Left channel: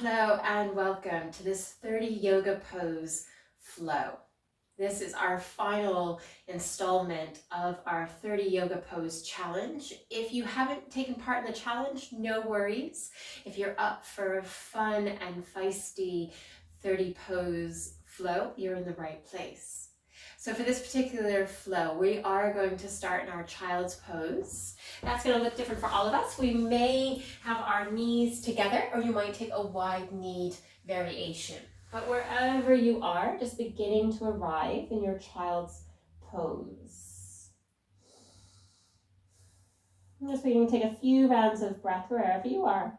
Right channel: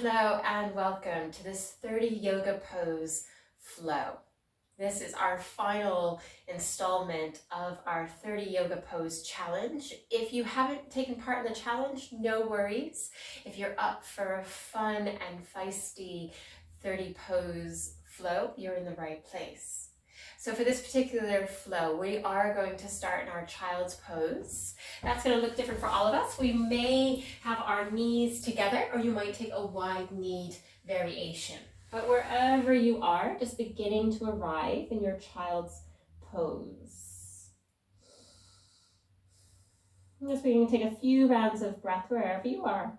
Hello and welcome to this 30 yoga pose flow. This is our final installment of our 30 yoga pose challenge. If you haven't taken part in the challenge, no worries. If you're up for a fun and feisty 30 pose flow, you're in the right place. So for this particular flow, we are going to start in our child's pose. That's going to look different for all of us. We may have our knees together, or you might take a wide-kneed variation. But wherever you are, just beginning to arrive in your child's pose. And just beginning to take a few rounds of breath wherever you are.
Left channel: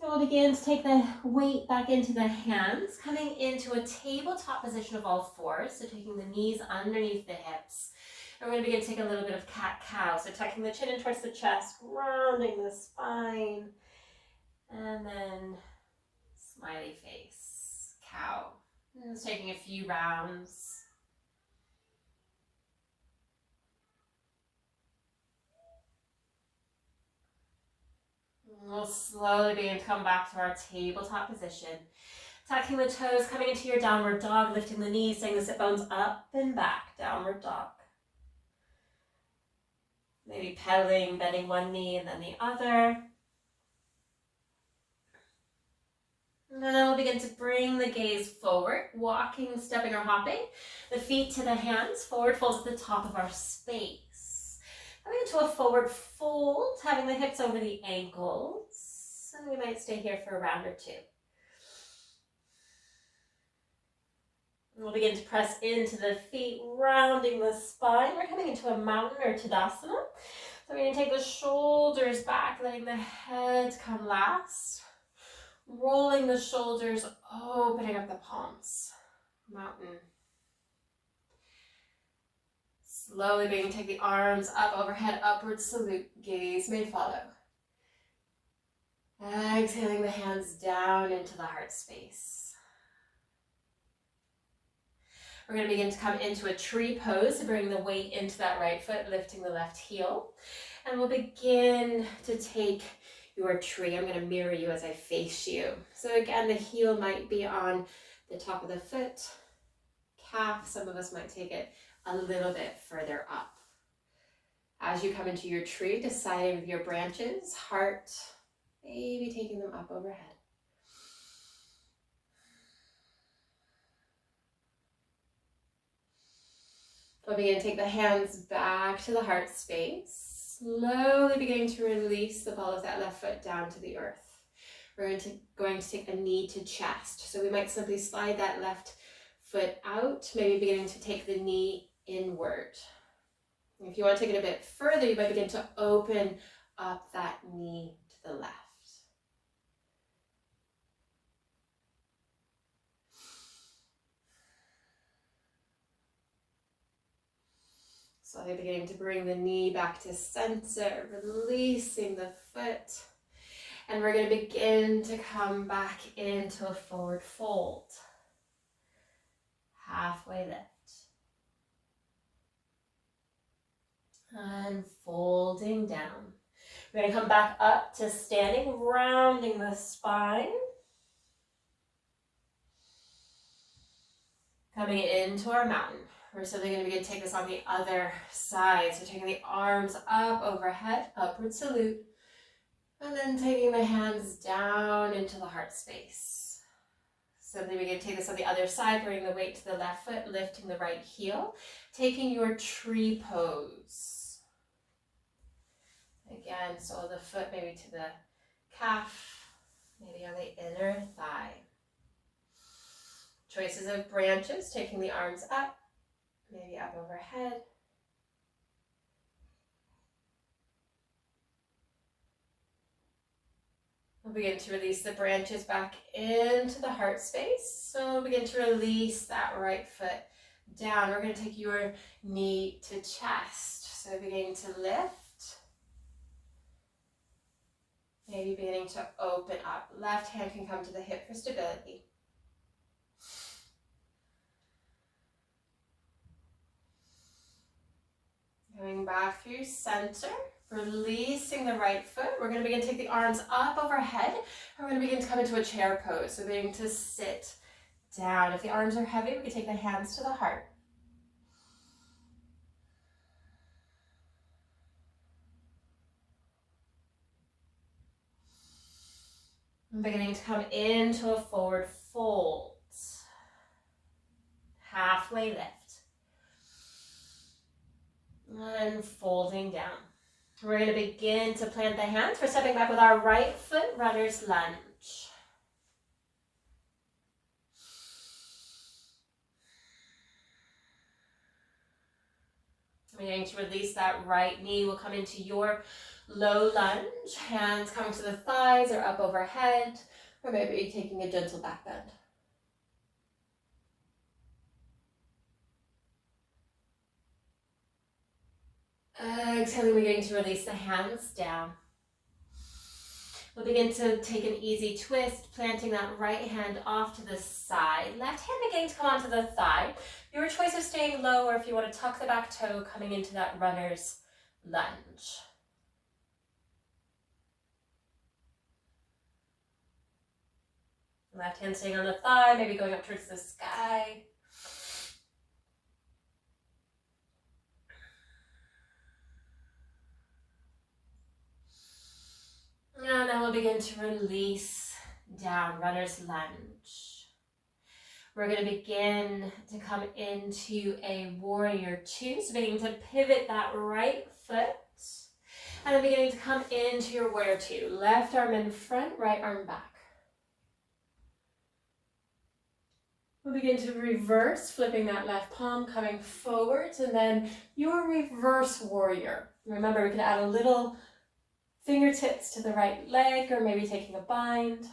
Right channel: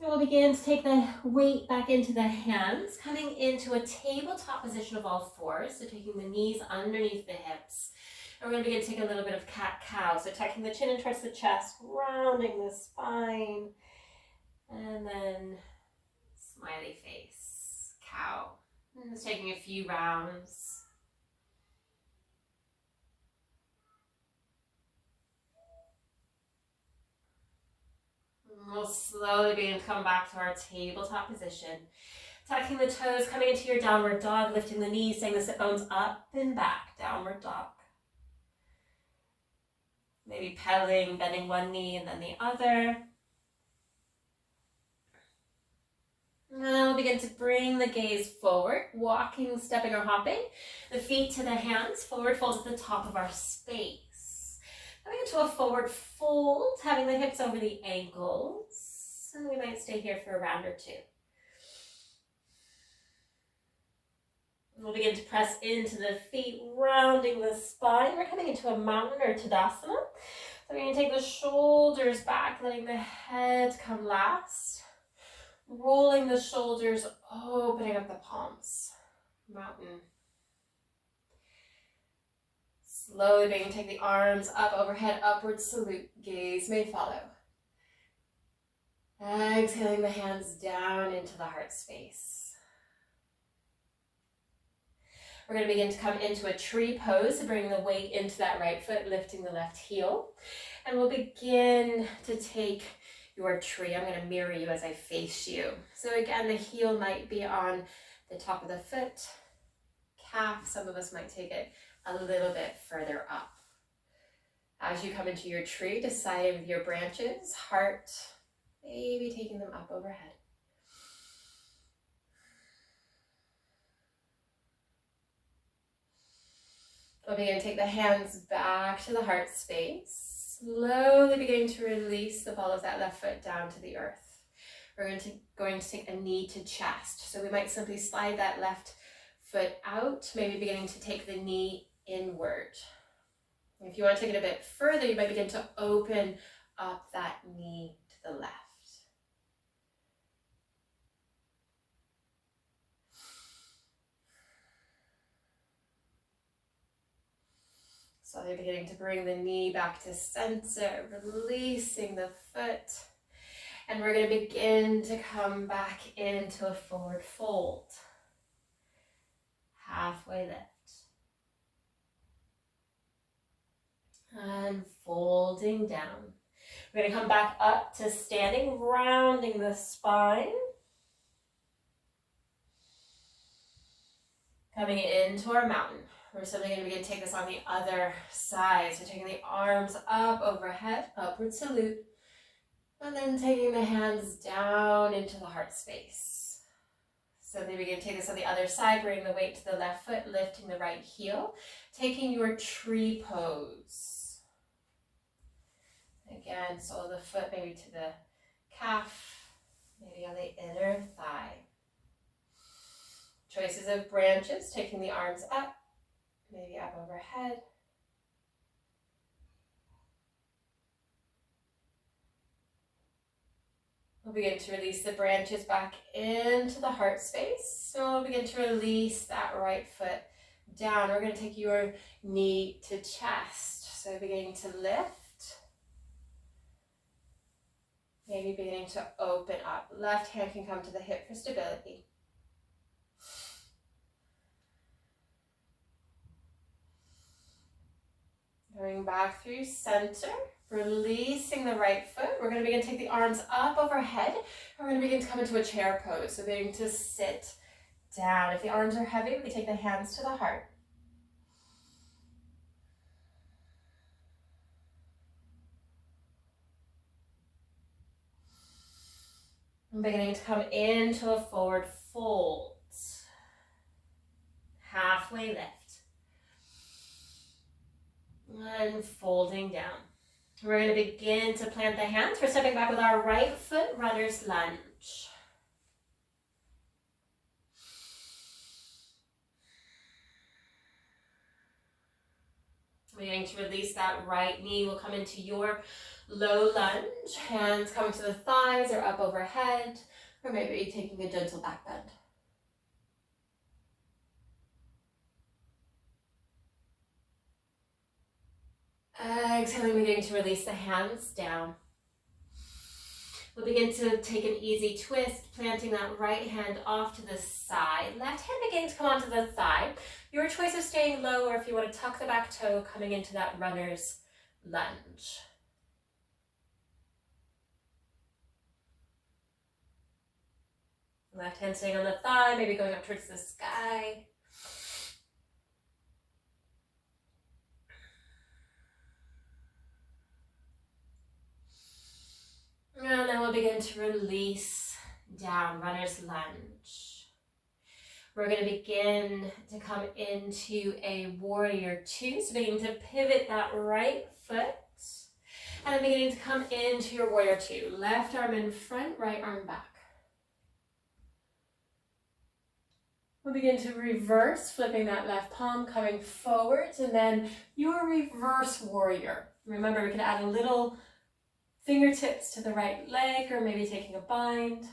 And we'll begin to take the weight back into the hands, coming into a tabletop position of all fours, so taking the knees underneath the hips. And we're going to begin to take a little bit of cat-cow, so tucking the chin in towards the chest, rounding the spine, and then smiley face, cow. And just taking a few rounds. We'll slowly begin to come back to our tabletop position. Tucking the toes, coming into your downward dog, lifting the knees, saying the sit bones up and back, downward dog. Maybe pedaling, bending one knee and then the other. And then we'll begin to bring the gaze forward, walking, stepping, or hopping. The feet to the hands, forward fold at the top of our space. Coming into a forward fold, having the hips over the ankles. And we might stay here for a round or two. And we'll begin to press into the feet, rounding the spine. We're coming into a mountain or Tadasana. So we're going to take the shoulders back, letting the head come last. Rolling the shoulders, opening up the palms. Mountain. Slowly begin to take the arms up overhead, upward salute, gaze may follow. Exhaling the hands down into the heart space. We're going to begin to come into a tree pose, so bringing the weight into that right foot, lifting the left heel. And we'll begin to take your tree. I'm going to mirror you as I face you. So again, the heel might be on the top of the foot, calf. Some of us might take it a little bit further up. As you come into your tree, deciding with your branches, heart, maybe taking them up overhead. We'll begin to take the hands back to the heart space, slowly beginning to release the ball of that left foot down to the earth. We're going to take a knee to chest. So we might simply slide that left foot out, maybe beginning to take the knee inward. If you want to take it a bit further, you might begin to open up that knee to the left. Slowly beginning to bring the knee back to center, releasing the foot. And we're going to begin to come back into a forward fold. Halfway lift. And folding down. We're going to come back up to standing, rounding the spine. Coming into our mountain. We're simply going to begin to take this on the other side. So taking the arms up overhead, upward salute. And then taking the hands down into the heart space. So then we begin to take this on the other side, bringing the weight to the left foot, lifting the right heel. Taking your tree pose. Again, sole of the foot maybe to the calf, maybe on the inner thigh. Choices of branches, taking the arms up, maybe up overhead. We'll begin to release the branches back into the heart space. So we'll begin to release that right foot down. We're going to take your knee to chest. So beginning to lift. Maybe beginning to open up. Left hand can come to the hip for stability. Going back through center. Release planting the right foot, we're going to begin to take the arms up overhead. We're going to begin to come into a chair pose. So beginning to sit down. If the arms are heavy, we can take the hands to the heart. And beginning to come into a forward fold. Halfway lift. And folding down. We're going to begin to plant the hands. We're stepping back with our right foot, runner's lunge. Beginning to release that right knee. We'll come into your low lunge. Hands coming to the thighs or up overhead, or maybe taking a gentle back bend. Exhaling, beginning to release the hands down. We'll begin to take an easy twist, planting that right hand off to the side. Left hand beginning to come onto the thigh. Your choice of staying low, or if you want to tuck the back toe, coming into that runner's lunge. Left hand staying on the thigh, maybe going up towards the sky. And then we'll begin to release down, runner's lunge. We're going to begin to come into a warrior two. So beginning to pivot that right foot. And then beginning to come into your warrior two. Left arm in front, right arm back. We'll begin to reverse, flipping that left palm, coming forwards, and then your reverse warrior. Remember, we can add a little fingertips to the right leg, or maybe taking a bind.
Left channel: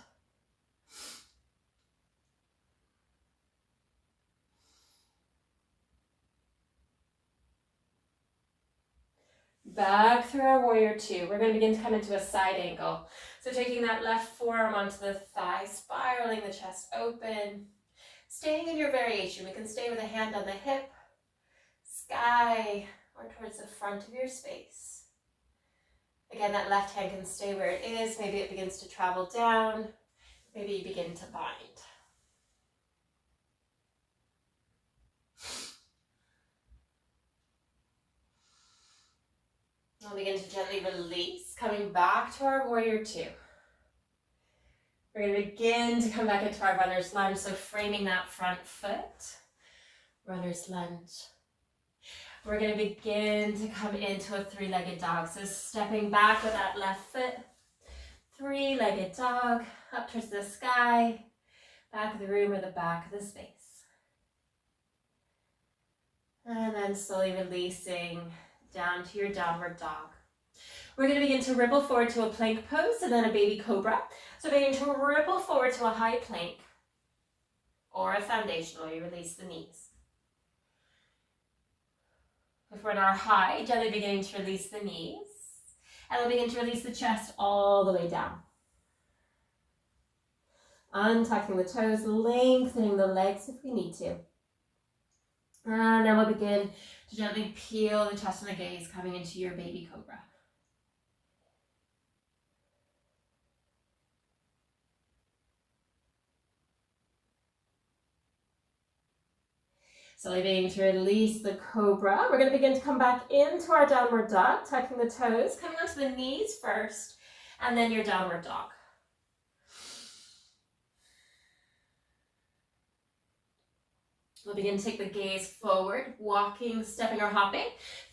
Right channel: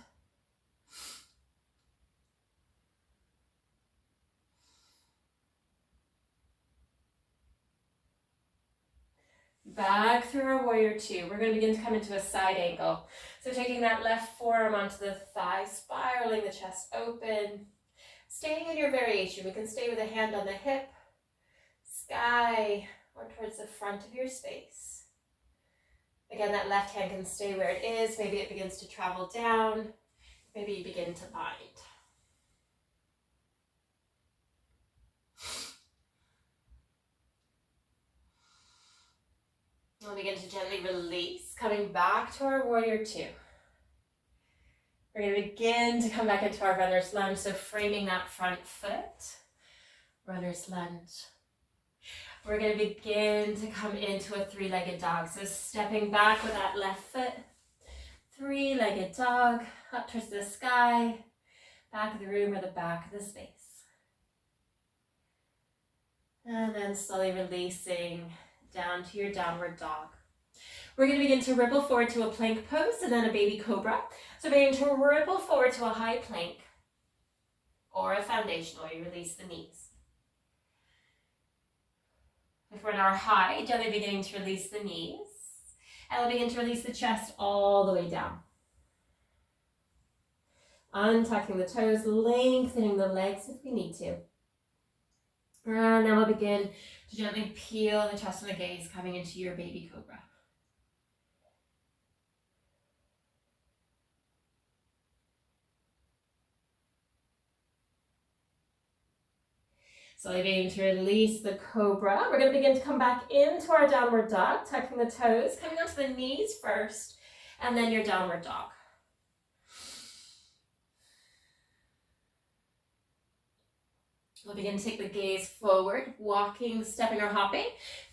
Back through our warrior two. We're going to begin to come into a side angle. So taking that left forearm onto the thigh, spiraling the chest open. Staying in your variation, we can stay with a hand on the hip, sky, or towards the front of your space. Again, that left hand can stay where it is. Maybe it begins to travel down. Maybe you begin to bind. We'll begin to gently release, coming back to our warrior two. We're going to begin to come back into our runner's lunge, so framing that front foot, runner's lunge. We're going to begin to come into a three-legged dog, so stepping back with that left foot, three-legged dog, up towards the sky, back of the room or the back of the space. And then slowly releasing down to your downward dog. We're going to begin to ripple forward to a plank pose and then a baby cobra. So beginning to ripple forward to a high plank or a foundational, you release the knees. If we're in our high, gently beginning to release the knees. And we'll begin to release the chest all the way down. Untucking the toes, lengthening the legs if we need to. And then we'll begin to gently peel the chest and the gaze, coming into your baby cobra. So beginning to release the cobra. We're going to begin to come back into our downward dog, tucking the toes, coming onto the knees first, and then your downward dog. We'll begin to take the gaze forward, walking, stepping or hopping.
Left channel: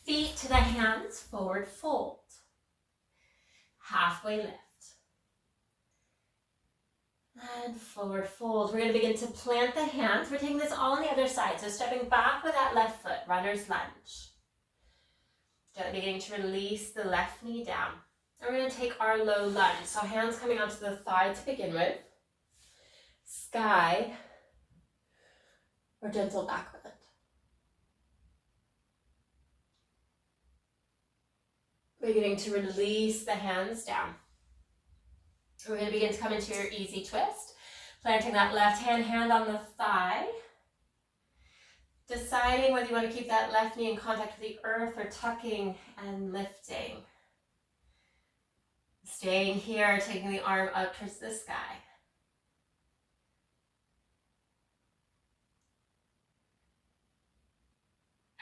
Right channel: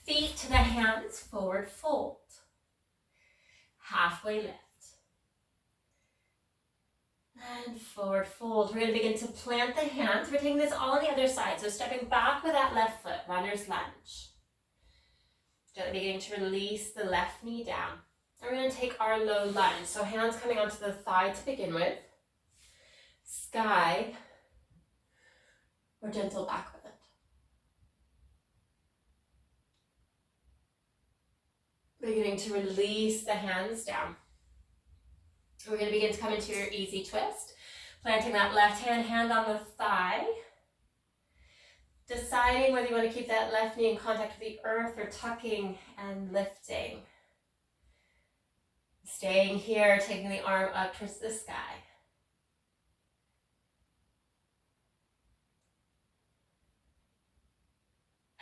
Feet to the hands, forward fold. Halfway lift. And forward fold. We're going to begin to plant the hands. We're taking this all on the other side. So stepping back with that left foot, runner's lunge. Gently beginning to release the left knee down. And we're going to take our low lunge. So hands coming onto the thigh to begin with. Sky or gentle back bend. Beginning to release the hands down. We're going to begin to come into your easy twist, planting that left hand on the thigh, deciding whether you want to keep that left knee in contact with the earth or tucking and lifting. Staying here, taking the arm up towards the sky.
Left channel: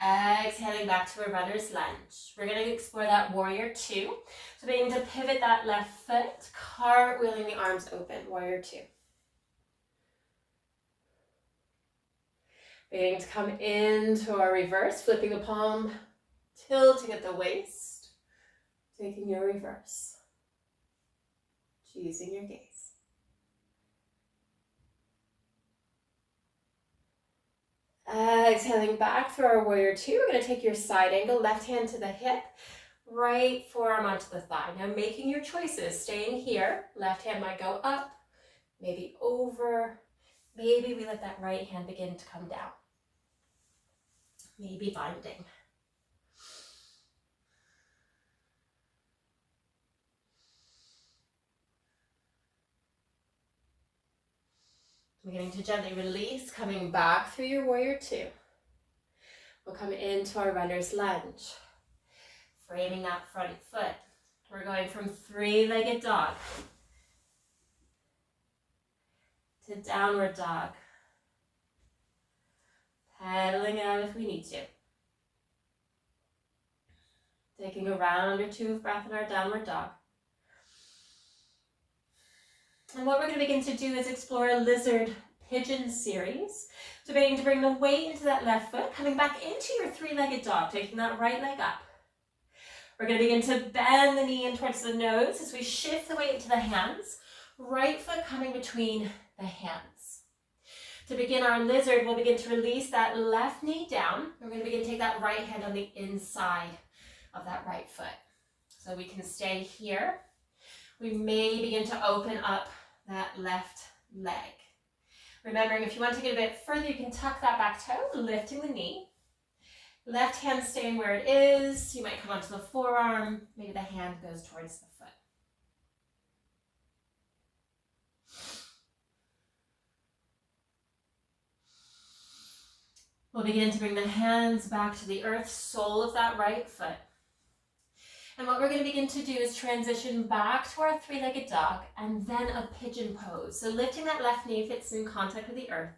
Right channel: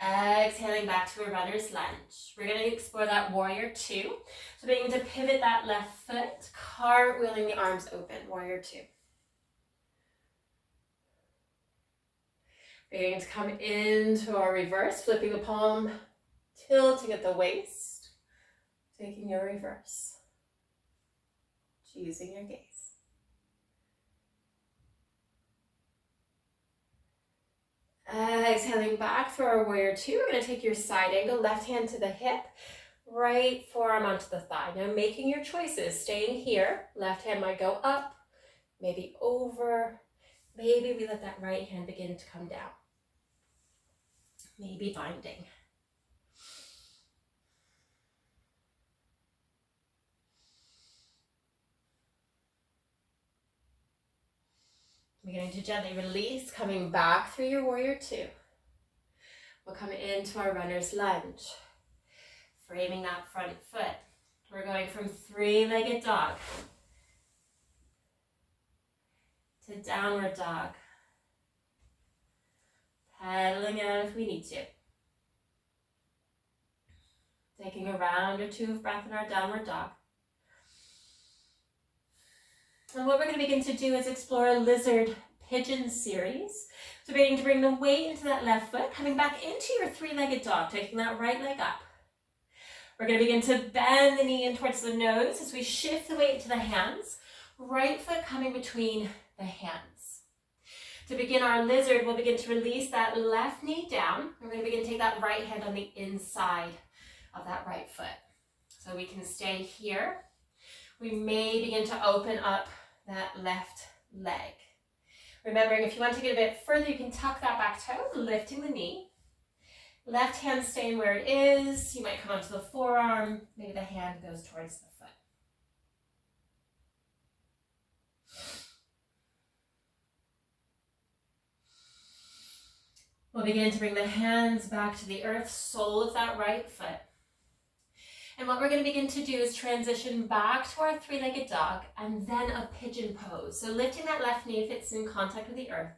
Exhaling back to a runner's lunge. We're going to explore that warrior two. So beginning to pivot that left foot, cartwheeling the arms open, warrior two. Beginning to come into our reverse, flipping the palm, tilting at the waist, taking your reverse, choosing your gaze. Exhaling back through our warrior two. We're going to take your side angle, left hand to the hip, right forearm onto the thigh. Now making your choices, staying here, left hand might go up, maybe over, maybe we let that right hand begin to come down. Maybe binding. Beginning to gently release, coming back through your warrior two. We'll come into our runner's lunge, framing that front foot. We're going from three-legged dog to downward dog. Pedaling it out if we need to. Taking a round or two of breath in our downward dog. And what we're going to begin to do is explore a lizard pigeon series. So beginning to bring the weight into that left foot, coming back into your three-legged dog, taking that right leg up. We're going to begin to bend the knee in towards the nose as we shift the weight into the hands. Right foot coming between the hands. To begin our lizard, we'll begin to release that left knee down. We're going to begin to take that right hand on the inside of that right foot. So we can stay here. We may begin to open up that left leg. Remembering, if you want to get a bit further, you can tuck that back toe, lifting the knee. Left hand staying where it is. You might come onto the forearm. Maybe the hand goes towards the foot. We'll begin to bring the hands back to the earth, sole of that right foot. And what we're going to begin to do is transition back to our three-legged dog and then a pigeon pose. So lifting that left knee if it's in contact with the earth.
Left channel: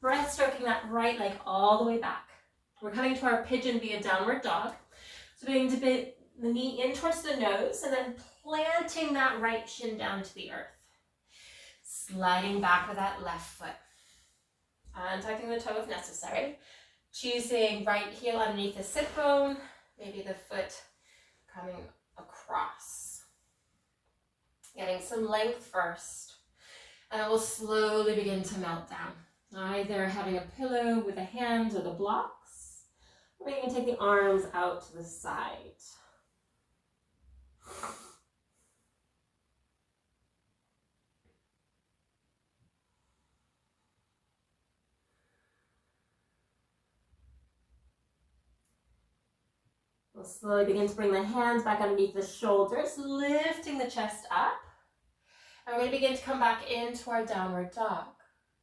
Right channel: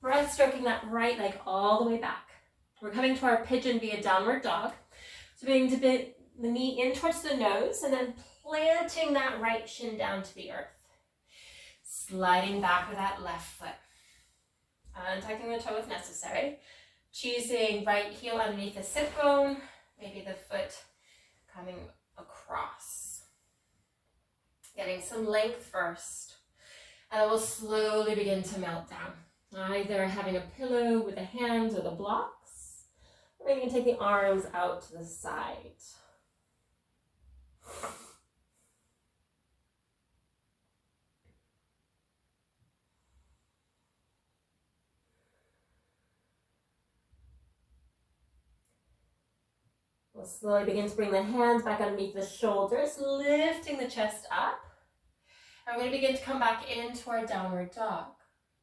Breath stroking that right leg all the way back. We're coming to our pigeon via downward dog. So beginning to bend the knee in towards the nose and then planting that right shin down to the earth. Sliding back with that left foot. And tucking the toe if necessary. Choosing right heel underneath the sit bone. Maybe the foot coming across. Getting some length first. And we'll slowly begin to melt down. Either having a pillow with the hands or the blocks. Or you can take the arms out to the side. We'll slowly begin to bring the hands back underneath the shoulders, lifting the chest up. And we're going to begin to come back into our downward dog.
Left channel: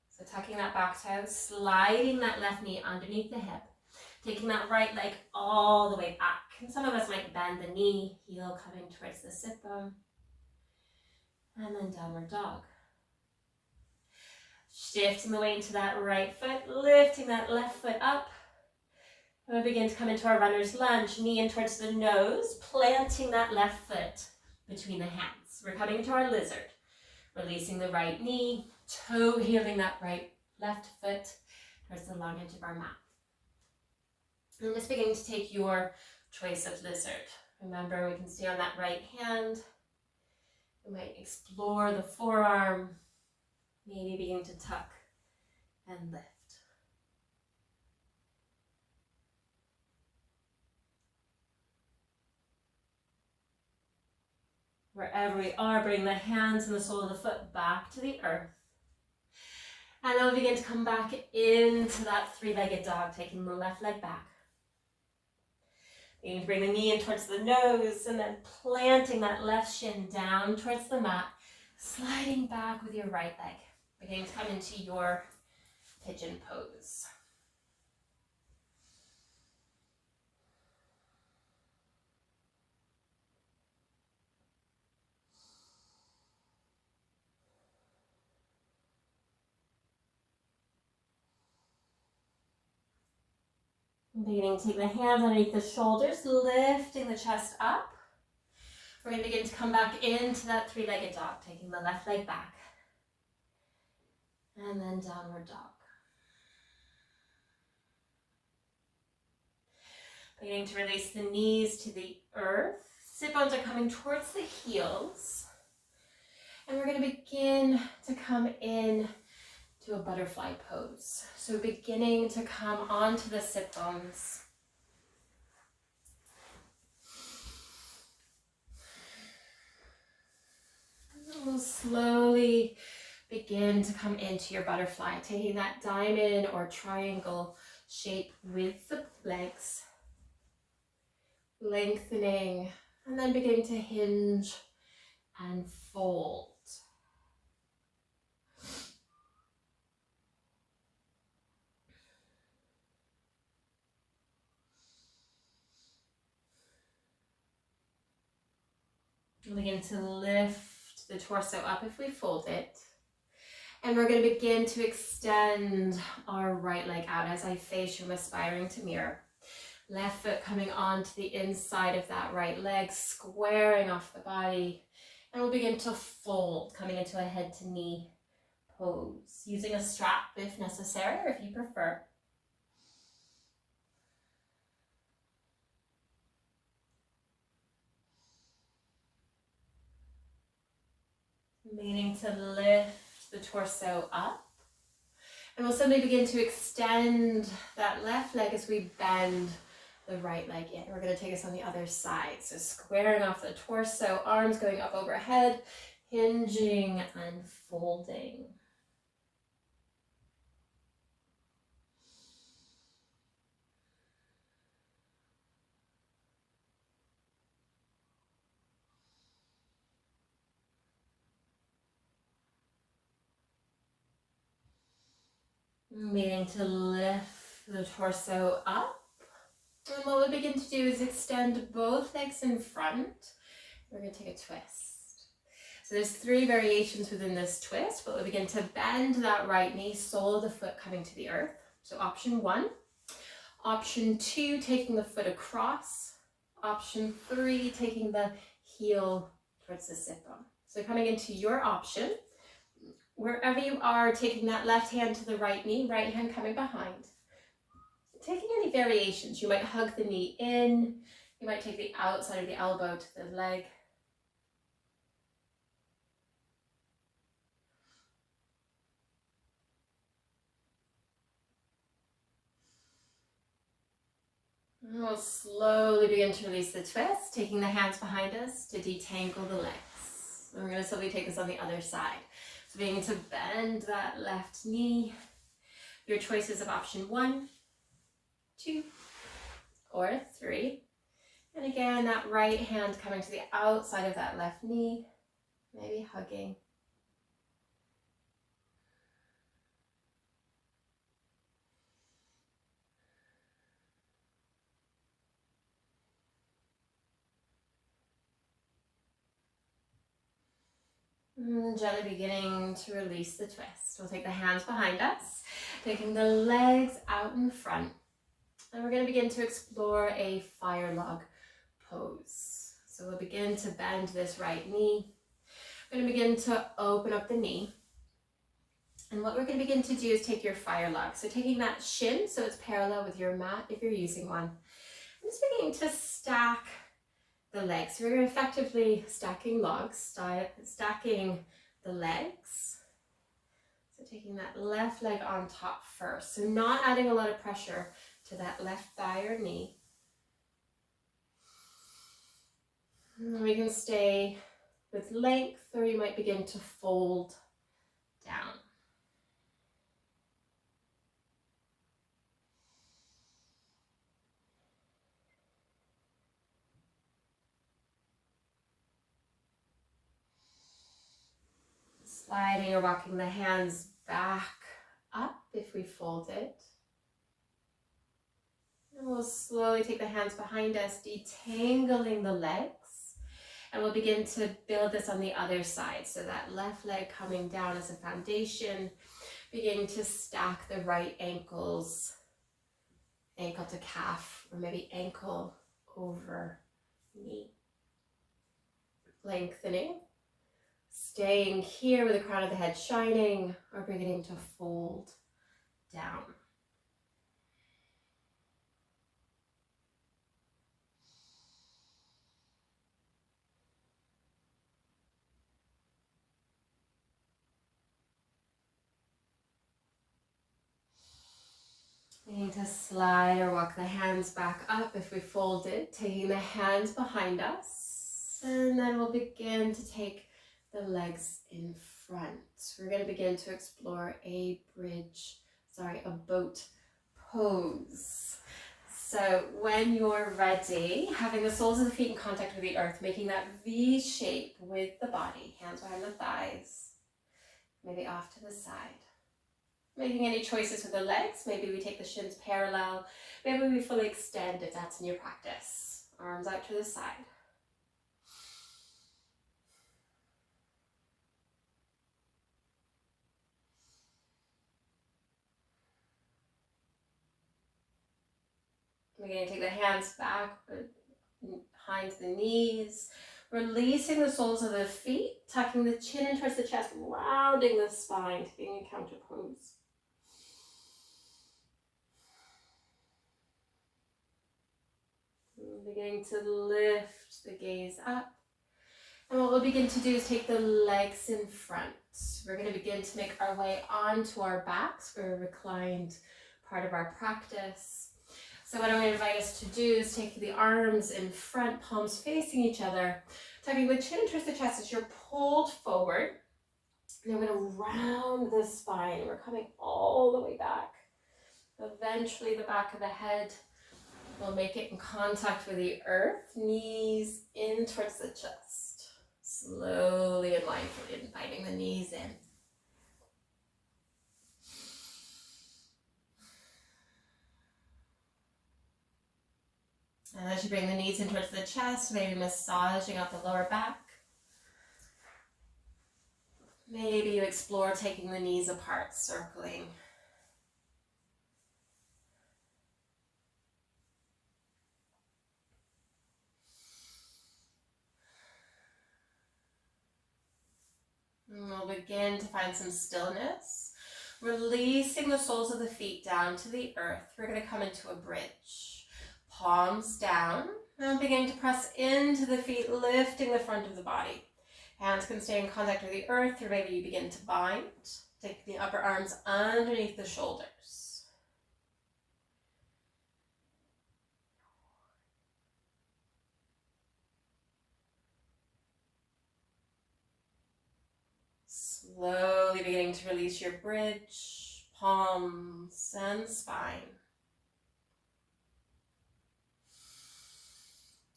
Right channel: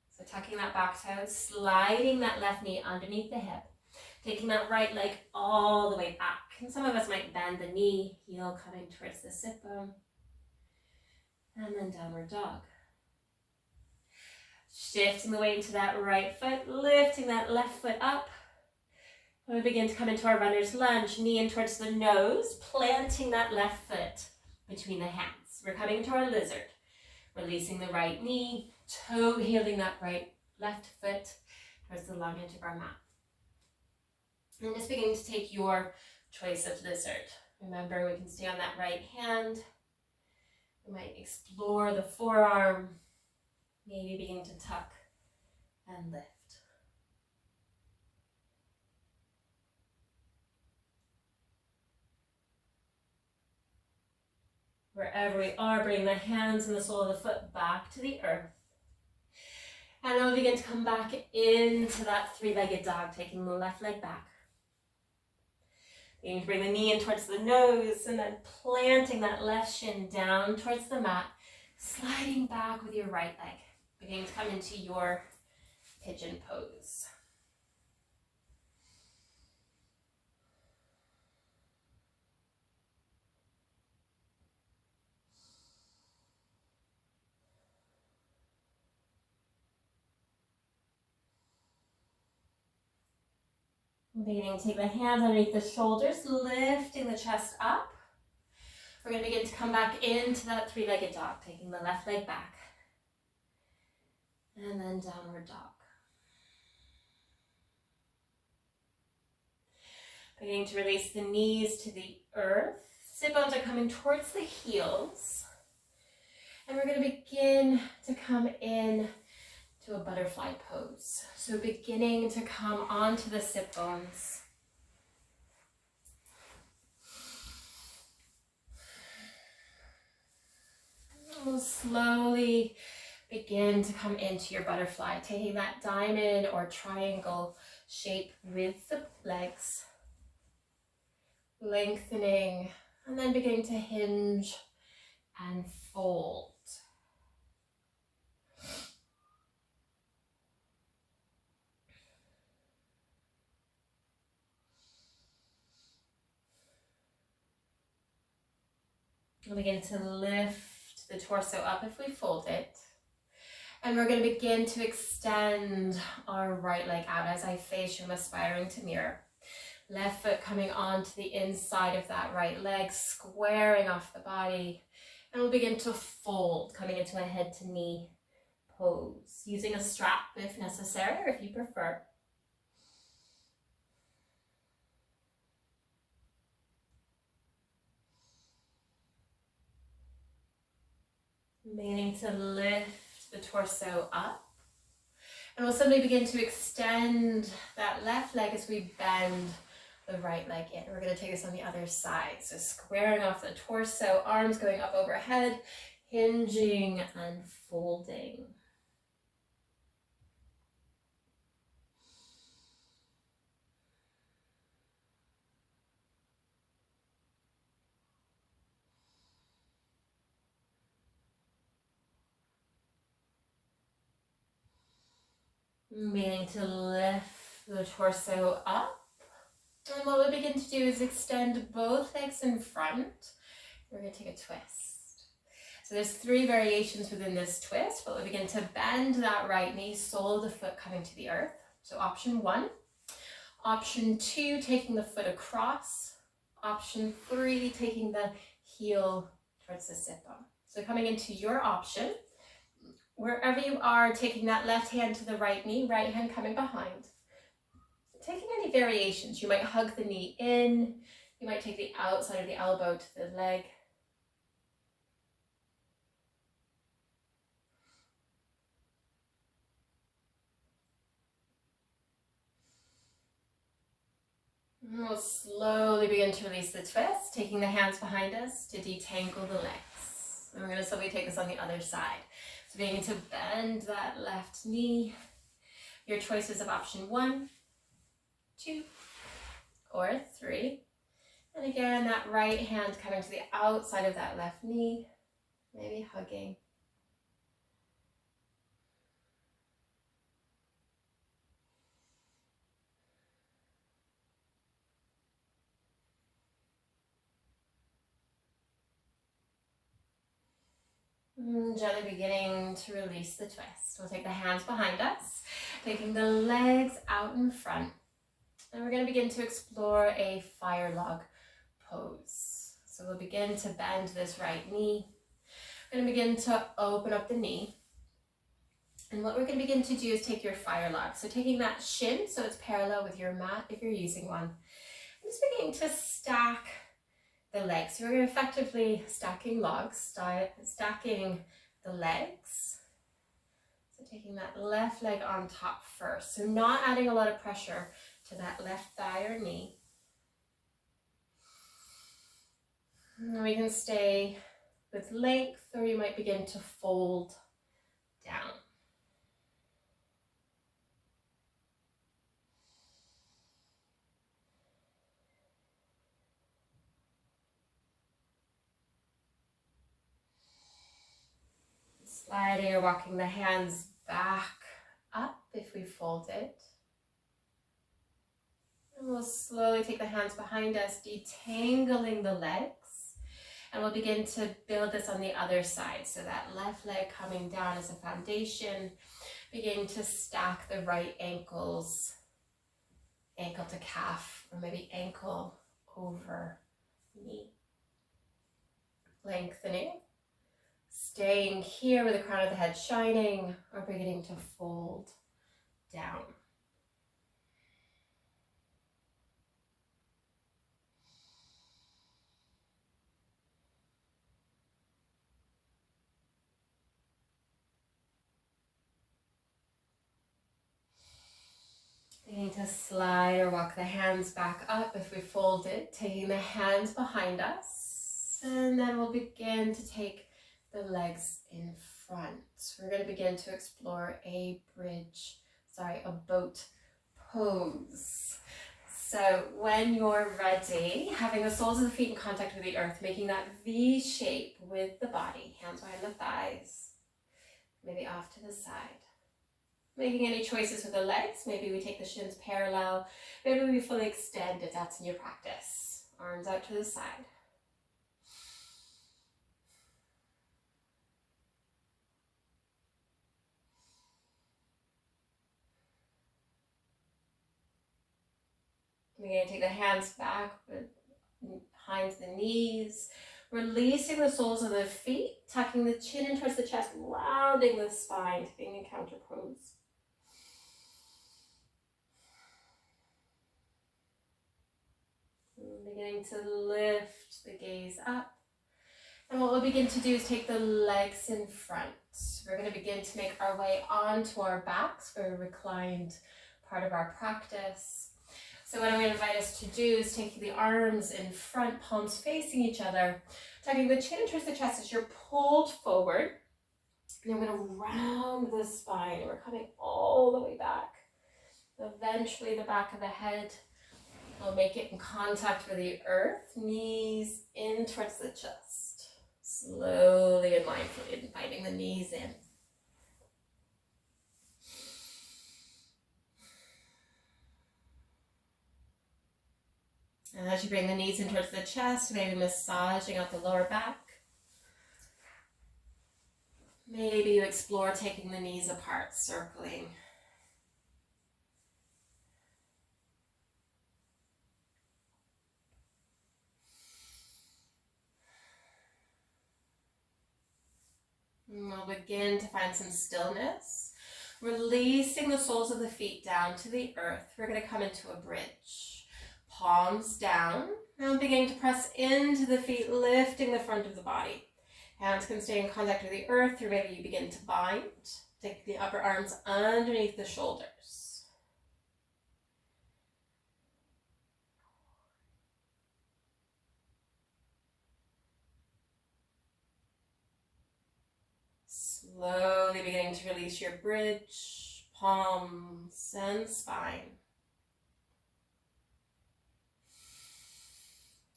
So tucking that back toe, sliding that left knee underneath the hip, taking that right leg all the way back. And some of us might bend the knee, heel coming towards the sit bone. And then downward dog. Shifting the weight into that right foot, lifting that left foot up. And we begin to come into our runner's lunge, knee in towards the nose, planting that left foot between the hands. We're coming to our lizard, releasing the right knee, toe heeling that left foot towards the long edge of our mat. And just beginning to take your choice of lizard. Remember, we can stay on that right hand. We might explore the forearm, maybe begin to tuck and lift. Wherever we are, bring the hands and the sole of the foot back to the earth. And then we'll begin to come back into that three-legged dog, taking the left leg back. Beginning to bring the knee in towards the nose and then planting that left shin down towards the mat, sliding back with your right leg. Beginning to come into your pigeon pose. Beginning to take the hands underneath the shoulders, lifting the chest up. We're going to begin to come back into that three-legged dog, taking the left leg back. And then downward dog. Beginning to release the knees to the earth. Sit bones are coming towards the heels. And we're going to begin to come in to a butterfly pose. So beginning to come onto the sit bones. And we'll slowly begin to come into your butterfly, taking that diamond or triangle shape with the legs. Lengthening, and then beginning to hinge and fold. We'll begin to lift the torso up if we fold it. And we're going to begin to extend our right leg out as I face you, aspiring to mirror. Left foot coming onto the inside of that right leg, squaring off the body. And we'll begin to fold, coming into a head to knee pose, using a strap if necessary or if you prefer. Meaning to lift the torso up. And we'll simply begin to extend that left leg as we bend the right leg in. We're going to take us on the other side. So squaring off the torso, arms going up overhead, hinging and folding. Meaning to lift the torso up. And what we'll begin to do is extend both legs in front. We're going to take a twist. So there's 3 variations within this twist, but we'll begin to bend that right knee, sole of the foot coming to the earth. So option 1. Option 2, taking the foot across. Option 3, taking the heel towards the sit bone. So coming into your option, wherever you are, taking that left hand to the right knee, right hand coming behind. Taking any variations, you might hug the knee in, you might take the outside of the elbow to the leg. And we'll slowly begin to release the twist, taking the hands behind us to detangle the legs. And we're going to slowly take this on the other side. So beginning to bend that left knee. Your choices of option 1, 2, or 3. And again, that right hand coming to the outside of that left knee, maybe hugging. And gently beginning to release the twist. We'll take the hands behind us, taking the legs out in front. And we're going to begin to explore a fire log pose. So we'll begin to bend this right knee. We're going to begin to open up the knee. And what we're going to begin to do is take your fire log. So taking that shin so it's parallel with your mat if you're using one. I'm just beginning to stack the legs. So we're effectively stacking logs, stacking the legs. So taking that left leg on top first. So not adding a lot of pressure to that left thigh or knee. And we can stay with length, or you might begin to fold down. Sliding or walking the hands back up if we fold it. And we'll slowly take the hands behind us, detangling the legs. And we'll begin to build this on the other side. So that left leg coming down as a foundation, beginning to stack the right ankles ankle to calf, or maybe ankle over knee. Lengthening, staying here with the crown of the head shining, or beginning to fold down. Beginning to slide or walk the hands back up if we folded, taking the hands behind us. And then we'll begin to take the legs in front. We're going to begin to explore a boat pose. So when you're ready, having the soles of the feet in contact with the earth, making that V shape with the body, hands behind the thighs, maybe off to the side. Making any choices with the legs, maybe we take the shins parallel, maybe we fully extend if that's in your practice. Arms out to the side. We're going to take the hands back behind the knees, releasing the soles of the feet, tucking the chin in towards the chest, rounding the spine to being in counter pose. Beginning to lift the gaze up. And what we'll begin to do is take the legs in front. We're going to begin to make our way onto our backs for a reclined part of our practice. So what I'm going to invite us to do is take the arms in front, palms facing each other, tucking the chin towards the chest as you're pulled forward. And I'm going to round the spine, and we're coming all the way back. Eventually the back of the head will make it in contact with the earth, knees in towards the chest. Slowly and mindfully inviting the knees in. And as you bring the knees in towards the chest, maybe massaging out the lower back. Maybe you explore taking the knees apart, circling. And we'll begin to find some stillness. Releasing the soles of the feet down to the earth. We're going to come into a bridge. Palms down. And beginning to press into the feet, lifting the front of the body. Hands can stay in contact with the earth, or maybe you begin to bind. Take the upper arms underneath the shoulders. Slowly beginning to release your bridge, palms and spine.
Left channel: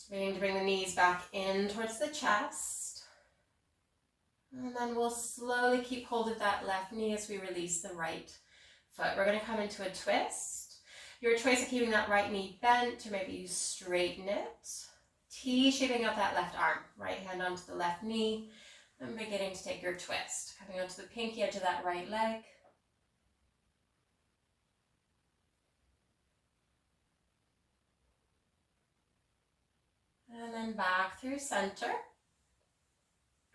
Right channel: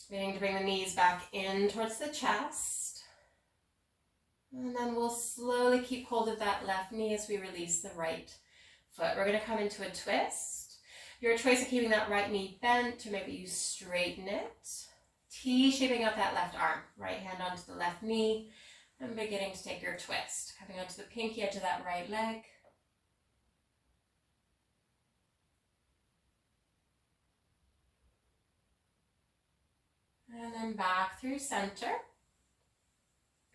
Beginning to bring the knees back in towards the chest. And then we'll slowly keep hold of that left knee as we release the right foot. We're going to come into a twist. Your choice of keeping that right knee bent, or maybe you straighten it. T-shaping out that left arm. Right hand onto the left knee. And beginning to take your twist. Coming onto the pinky edge of that right leg. And then back through center.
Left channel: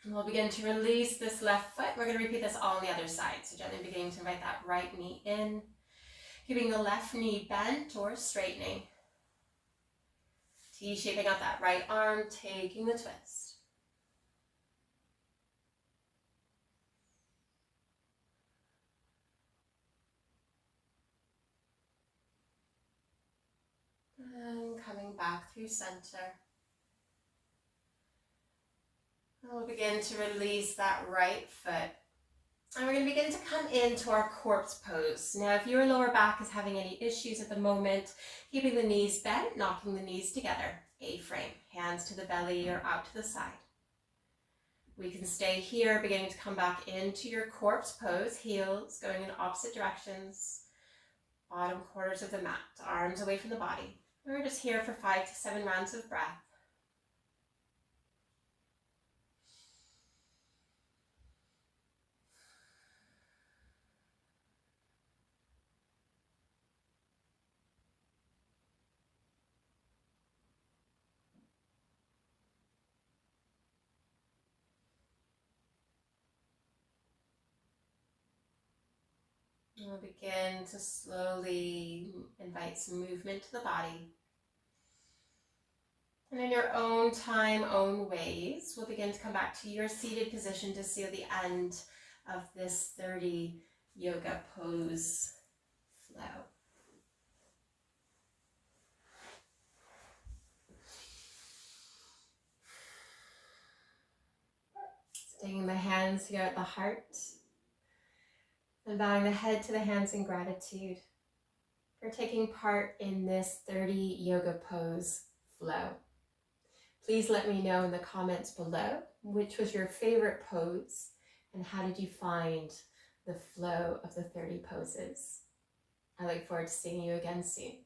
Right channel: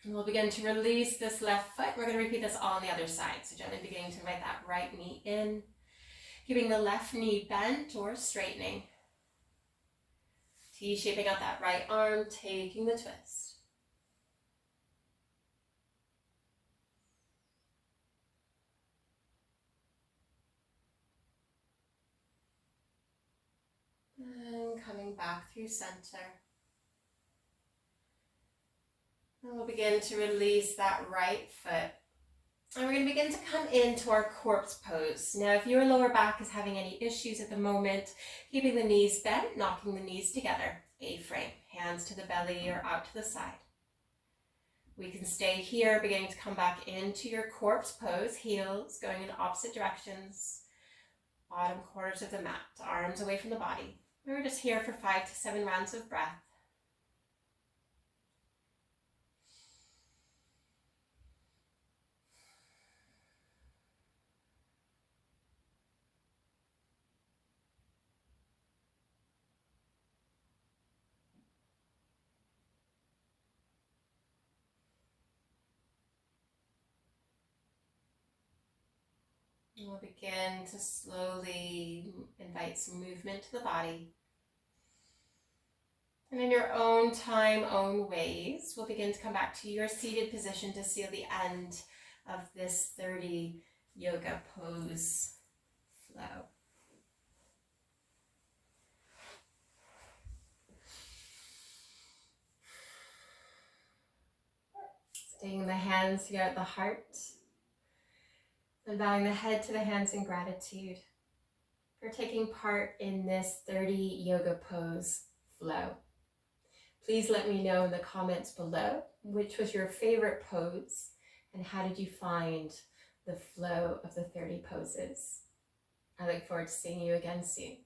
And we'll begin to release this left foot. We're going to repeat this all on the other side. So gently beginning to invite that right knee in. Keeping the left knee bent or straightening. T-shaping out that right arm, taking the twist. And coming back through center. And we'll begin to release that right foot. And we're going to begin to come into our corpse pose. Now, if your lower back is having any issues at the moment, keeping the knees bent, knocking the knees together, A-frame, hands to the belly or out to the side. We can stay here, beginning to come back into your corpse pose, heels going in opposite directions, bottom corners of the mat, arms away from the body. We're just here for 5 to 7 rounds of breath. We'll begin to slowly invite some movement to the body. And in your own time, own ways, we'll begin to come back to your seated position to seal the end of this 30 yoga pose flow. Staying the hands here at the heart. And bowing the head to the hands in gratitude for taking part in this 30 yoga pose flow. Please let me know in the comments below which was your favorite pose and how did you find the flow of the 30 poses. I look forward to seeing you again soon.